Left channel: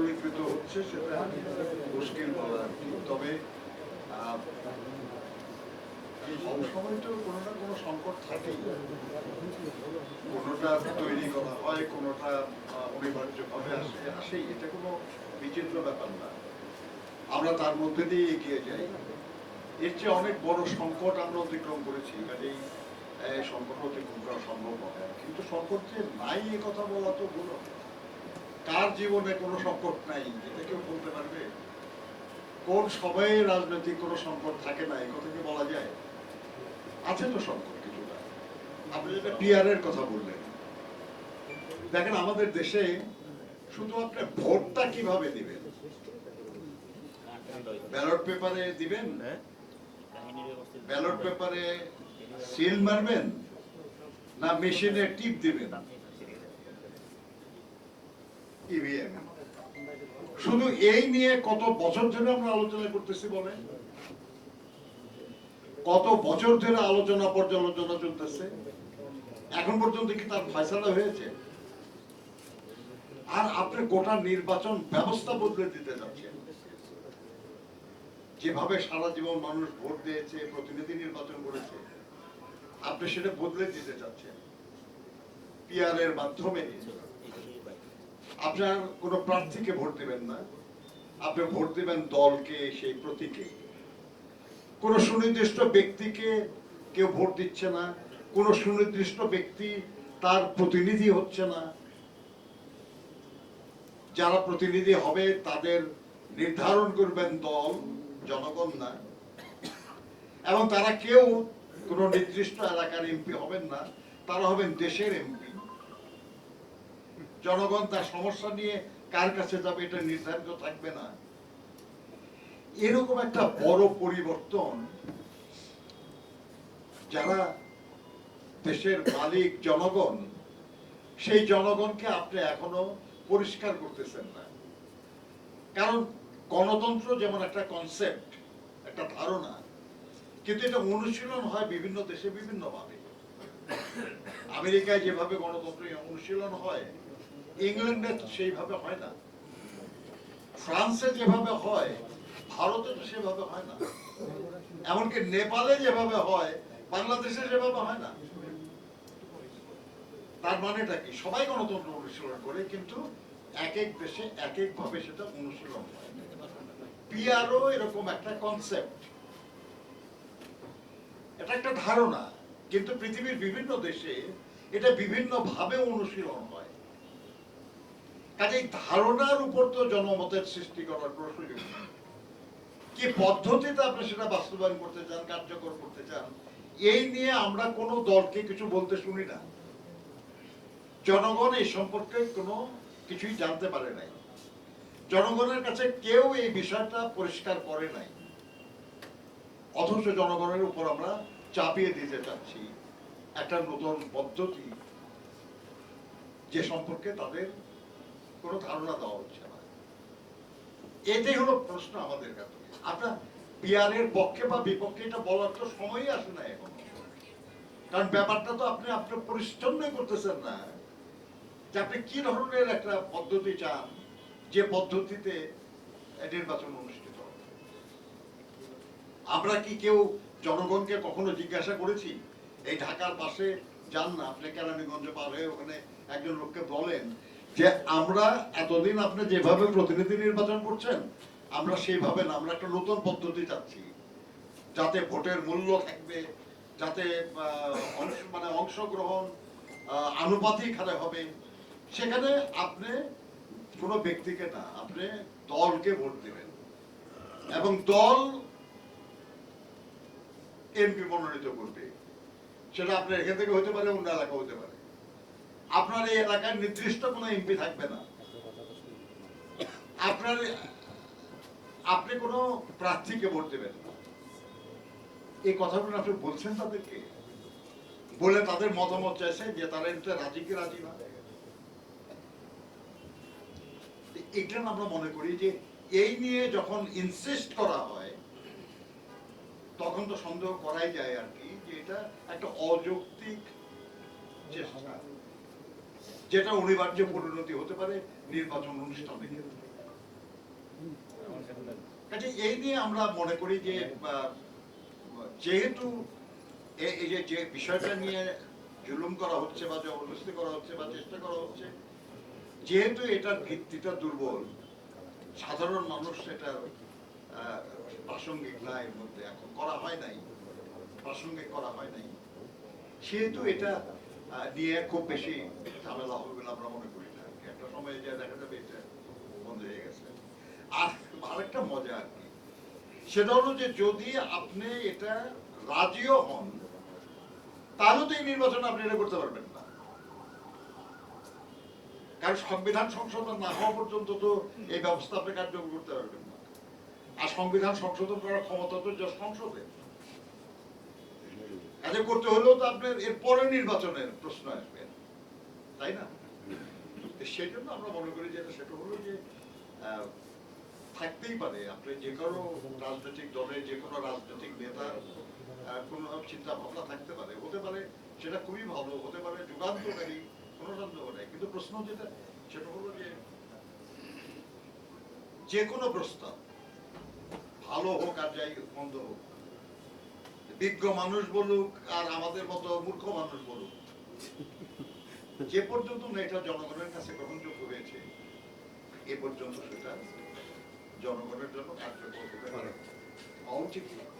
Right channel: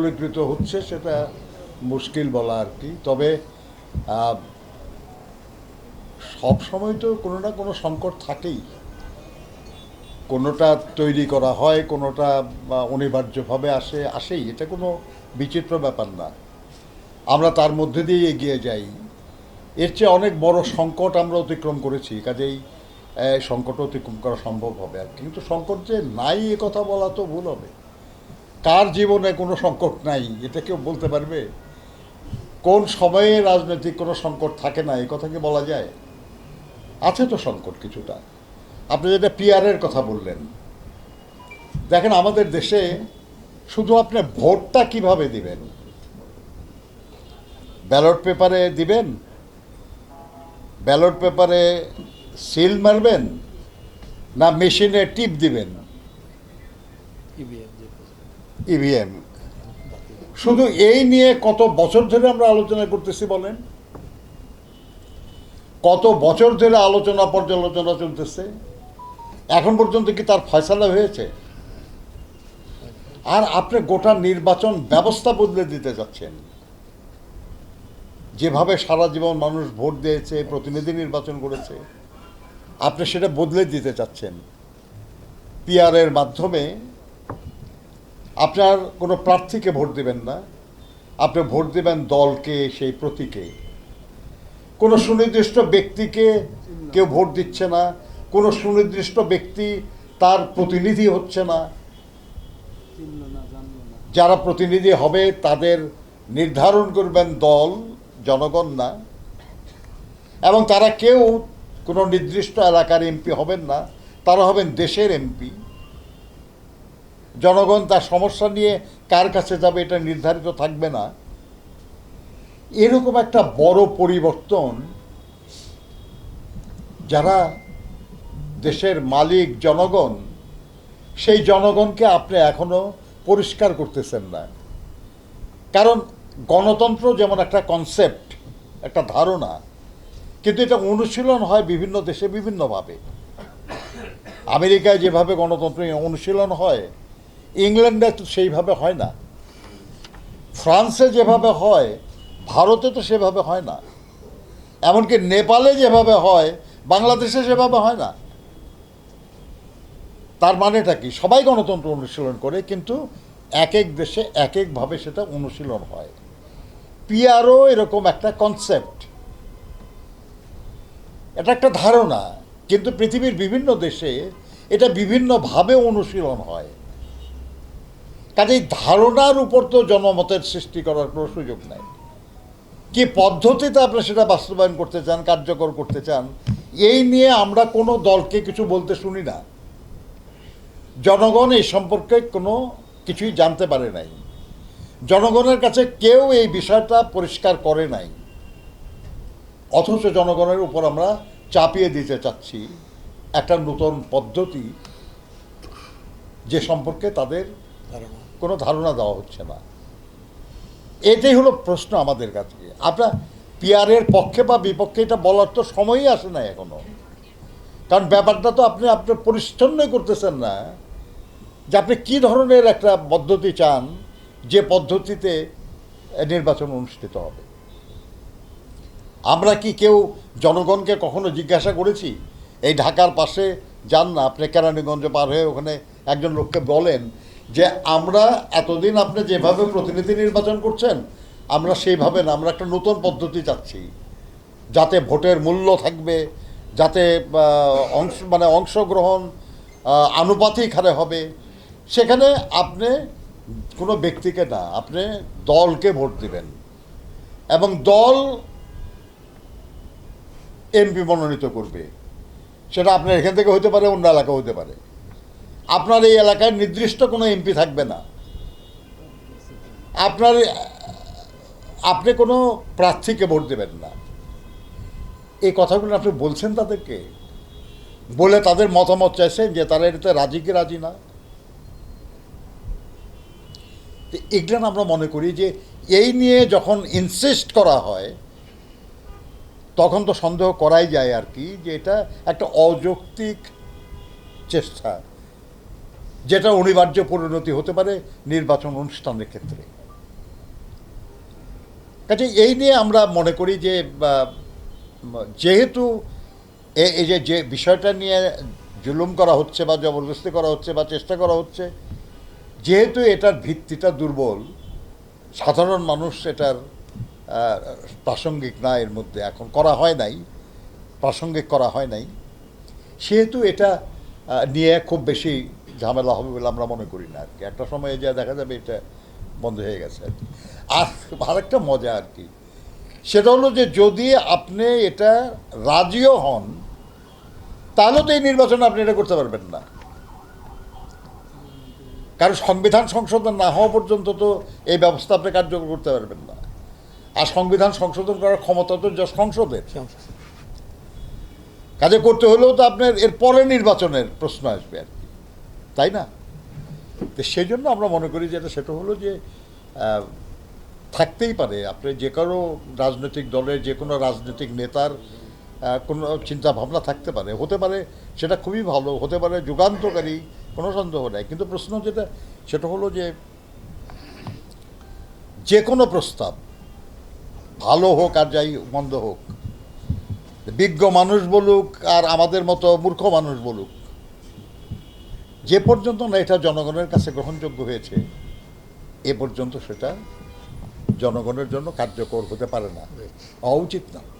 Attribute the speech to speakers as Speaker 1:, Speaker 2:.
Speaker 1: পরিকৃত হচ্ছে, সেটা মুশকিল বলা আর কি। তবে সব সময় তো কোনো না কোনো সংকট থাকেই। কোনোটা তৈরি করা হয়, কোনোটা অনিবার্যভাবে আসে, আসেই। এটা কোনো বিচিত্র ব্যাপার না। আমরা তার মধ্যে দিয়ে এগিয়ে যাই। এর চেয়ে অনেক বড় সংকট আমরা অতিক্রম করেছি, কাজেই সংকট অতিক্রম করা সম্ভব হবে আর। কিন্তু সংকট যে নাই এ কথা বলা তো ভুল হবে। কার জীবনে কোনো সংকট নাই, এটা কেউ বলতে পারবে? কোন সময়ে রাজনৈতিক কোনো সংকট থাকে না, এই কথা কি বলা যায়? আছে তো সংকট কিছুটা। আপনি যেটা পিয়ারের কথা বললেন, দেখেন আমাদের দেশে শুধু আপনি ভোটটা কীভাবে দিবেন? ব্যালট পেপারে দিবেন? ব্যালট পেপারে সিল মারবেন? না মেশিনে টিপ দিবেন? ইভিএম শুধু এই নিয়ে কত বছর ধরে আমরা আলোচনা করতেছি বলেন? কত বছর ধরে আলোচনা, পর্যালোচনা চলতেছে? এখন পর্যন্ত কি তার ফয়সালা হয়েছে? আর আপনি গোটা নির্বাচন ব্যবস্থা বদলে দিতে যাচ্ছেন। যেভাবে সারা জীবন মানুষ ভোট দিয়েছে, প্রতিনিধি নির্বাচন করেছে, আপনি সেটা বদলে দিতে চাচ্ছেন পিআরের মাধ্যমে আপনার কোনো প্রার্থীকে ভোট দেবেন না। আপনি ভোট দেবেন দলকে, সেই প্রতীকে। কোনো সুনির্দিষ্ট ব্যক্তিকে কেউ ভোট দিচ্ছে না। কোনো সুনির্দিষ্ট ব্যক্তি তার প্রতিনিধি হচ্ছে না। যারা প্রতিনিধি হবে, তাদের নির্ধারণ করবেন দল, জনগণ না। এবং তারা কেউ কোনো নির্দিষ্ট এলাকার এমপি হবেন না। তারা হবেন দেশের এমপি। জনগণ তার সমস্যা নিয়ে কার কাছে যাবে এটা নির্ধারিত থাকবে না। এরকম একটা বড় পরিবর্তন যারা দেশের মালিক, জনগণ, সেই জনগণকে আপনি এখনও পরিষ্কার করতেছেন না। কারণ গণতন্ত্র যেমন একটা কনসেপ্ট একটা ধারণা, কিন্তু এটা অনুশীলন হয় বিভিন্ন দেশে বিভিন্নভাবে। আমেরিকায় যেভাবে গণতন্ত্র অনুশীলন হয় ইংল্যান্ডে তো সেইভাবে হয় না। ফ্রান্সে যেভাবে হয়, ভারতে তো সেভাবে হয় না। এমনকি নেপালে যেভাবে হয়, বাংলাদেশে সেভাবে হয় না। তার মানেটা কি? সবাই গণতন্ত্র অনুশীলন করে, কিন্তু এক এক দেশে এক একভাবে সেটা অনুশীলন হয়। পিআরও এরকম একটা কনসেপ্ট এটা একটা ধারণা, কিন্তু পৃথিবীর বিভিন্ন দেশে এটা বিভিন্নভাবে অনুশীলন হয়। কাজেই ধারণার উপর তো জনমতের সৃষ্টি করার কোনো সুযোগ নাই। কি পদ্ধতিতে আপনি সেটা বাস্তবায়ন করতে চান, কার্যকর করতে চান, এই নিয়ে আমরা কোনো দলকে কিছু বলতে শুনি না। জনগণ এই সম্পর্কে কোনো কিছুই জানতে পারে নাই। জনগণের কাছে কেউ এই বিষয়টা পরিষ্কার করে নাই। অথচ জনগণের উপর আমরা চাপিয়ে দিতে চাচ্ছি একটা নতুন পদ্ধতি যে সম্পর্কে তাদের কোনো ধারণা দেওয়া হচ্ছে না। এটাই হলো প্রশ্ন আমাদের কাছে। আপনার পিয়ারের পক্ষে বা বিপক্ষে এটা বলার তো সময়ই আসে না এখনও। কারণ ব্যাপারটা তো আপনি আপনার পরিচ্ছন্নই করতেছেন না। যে আপনি কী ধরনের একটা পদ্ধতি চান, যে পদ্ধতিতে নির্বাচন অনুষ্ঠিত হবে? আমরা কি কেউ জনগণকে কখনো জিজ্ঞাসা করেছি, এই ঢাকার পাশে যান না, আপনি কেরানীগঞ্জ পার হয়ে ওখানে একজন লোককে বলেন যে আমরা এতদিন আপনি যেভাবে প্রতিনিধি নির্বাচন করছেন, আমরা সেইভাবে না, আমরা একটা নতুন পদ্ধতি চাচ্ছি। যাতে ভোটের মূল্য থাকবে, যাতে অংশ মানে অংশগ্রহণ আনুপাতিক হারে হবে। সেখানে আপনি কোনো ব্যক্তিকে না, আপনি দলকে ভোট দিবেন। এবং দল এমপি মনোনীত করবে। সেটা আপনার এখান থেকে হতে পারে, অন্য এলাকা হতে পারে। আপনার এই এলাকায় নির্দিষ্ট কোনো এমপি থাকবে না। আপনার, আপনি কোনো প্রার্থীকে ভোট দেবেন না। এই কথাগুলো আপনি বলছেন তাদেরকে? বলে তাদের মতামত চাইছেন যে তারা এটাতে রাজি কি রাজি না? তো এগুলো আমরা মনে করি যে এই নিয়ে যখন ইনসিস্ট করা হয়, তখন তো সন্দেহ করাই যায় আর কি যে এটা একটা অযৌক্তিক চেষ্টা। যেটা অনিবার্য পরিণতি হতে পারে নির্বাচন অনুষ্ঠানের ক্ষেত্রে। কাজে এই নিয়ে আমরা মনে করি যে যেহেতু এই যে যে বিষয়টা নিয়ে জুলুম করা হচ্ছে বা জবরদস্তি করা হচ্ছে বা চেষ্টা করা হচ্ছে, যেহেতু এটার ভিত্তিটা দুর্বল, সাধারণ মানুষ এটার প্রাসঙ্গিক না এর মধ্যে এখন করা হয় নাই, প্রাসঙ্গিক করা হয় নাই, সেহেতু এটা নিয়ে খুব বেশি ঝামেলা হবে বলে আমরা মনে করি না আর কি। একটা সময়ে যা দেখা যাবে এটা বন্ধ হয়ে গেছে আর কি। আর আরেকটা মজা আর কি সেটা হলো যে যদি আপনি এটা রাজিও হন তাহলে তো এই নির্বাচনে আপনি এটা করতে পারবেন না। কারণ সংবিধান সংশোধন না হওয়া পর্যন্ত তো এই ব্যবস্থা আপনি কার্যকর করতে পারবেন না। আর সংবিধান সংশোধন করার ক্ষমতা তো যা সংসদের। কাজে করতে হলেও তো আপনার এর পরে নির্বাচনের প্রশ্ন আসবে আর। তাই না? তো সেই জন্য আমরা মনে করি যেটা সেটা হলো যে থাকতেই পারে। আপনি যে কারও রাজনৈতিক দলের যে কোনো রাজনৈতিক নেতার কোনো চিন্তা ভাবনা থাকতে পারে। হতে পারে সেটা খুবই ভালো, হতে পারে যুগান্তকারী, কোনো সন্দেহ নেই। কিন্তু প্রশ্ন যেটা, সেটা হলো যে যে কোনো প্রস্তাব, ভালো হোক আর যাই মন্দ হোক, বিজ্ঞ মানুষ বলুক আর আমাদের মতো মূর্খ মানুষ বলুক যে পর্যন্ত না এটা জনগণের কাছে গ্রহণযোগ্য হয়েছে, এ পর্যন্ত সেটা জনগণের জন্য কার্যকর হতে পারে না। অউচিত উচিত না।